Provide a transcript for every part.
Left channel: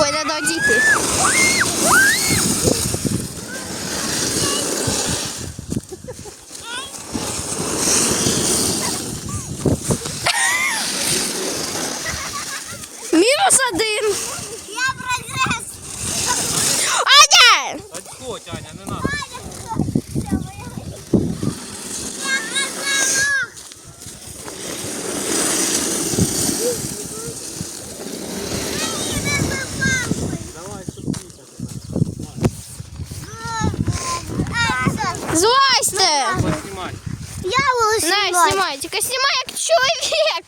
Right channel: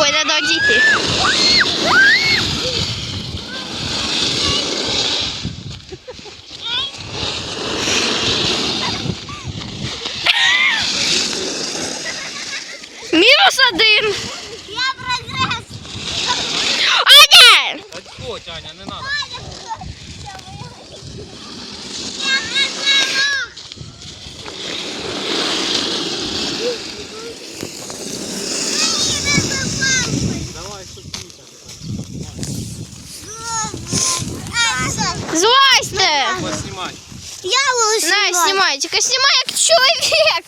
Ой, треба дійти. Мінус один. Я прогрес. Аня! О, Таня, не надо. Злазьте! буду Я На, снімай, тільки снімай як чоловік.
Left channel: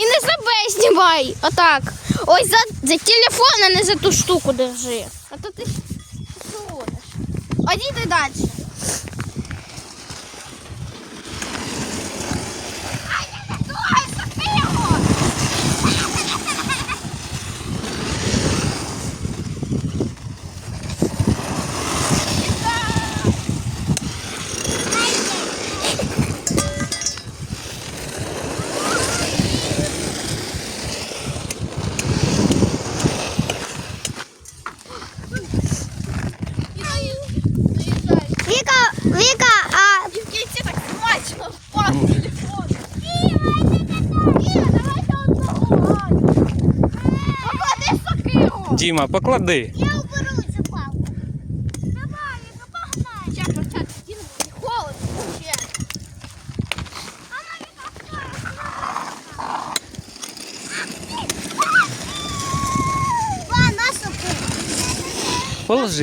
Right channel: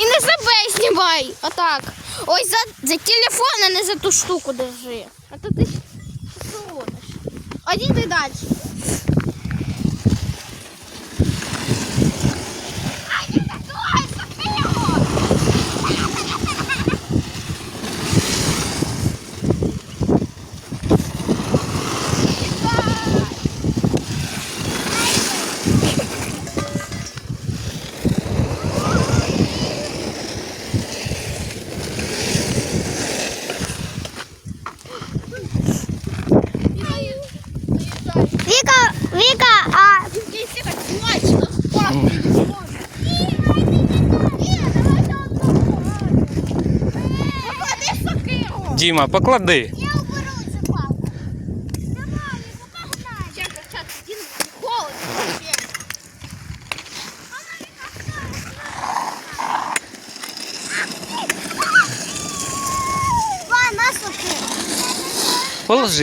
І не себе знімай. Отак. Ой, за, за телефон, а не за ту штуку держи. А то ти що? А йди далі. Віка, Віка, а Діма, поклади.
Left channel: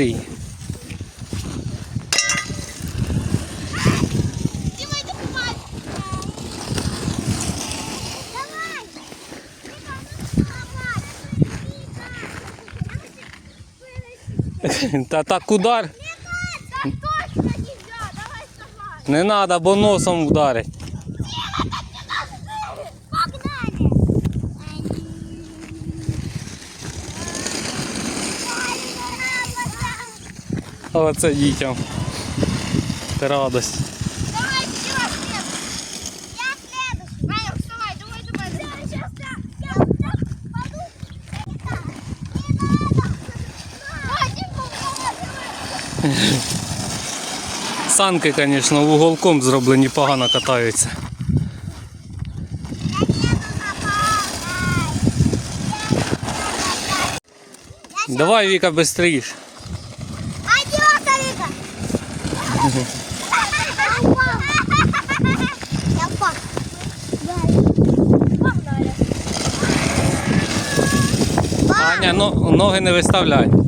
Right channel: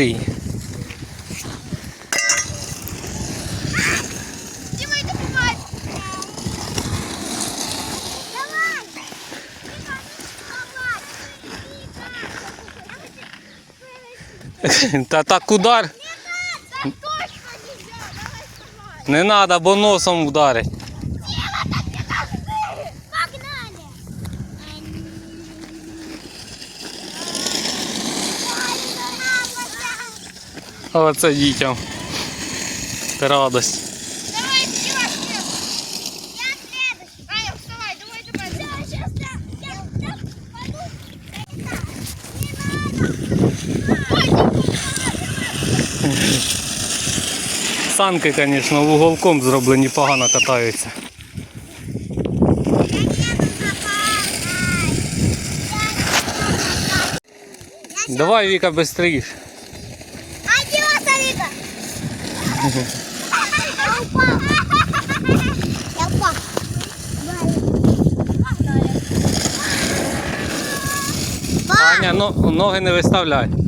я Та так удар. Не треба, бо носом вдарить. Погнали. Оце дітям. Радость. Давай, Діма, следуй. Я следующий. Аня, вставай, давай до мене. Я сейчас так, я вот так паду. Так, не надо. Санки, звісно, вуголком зроблені, погано катаються. Давай, Віка, швидше. Упал. Погнали. Аня, ноги не виставляй.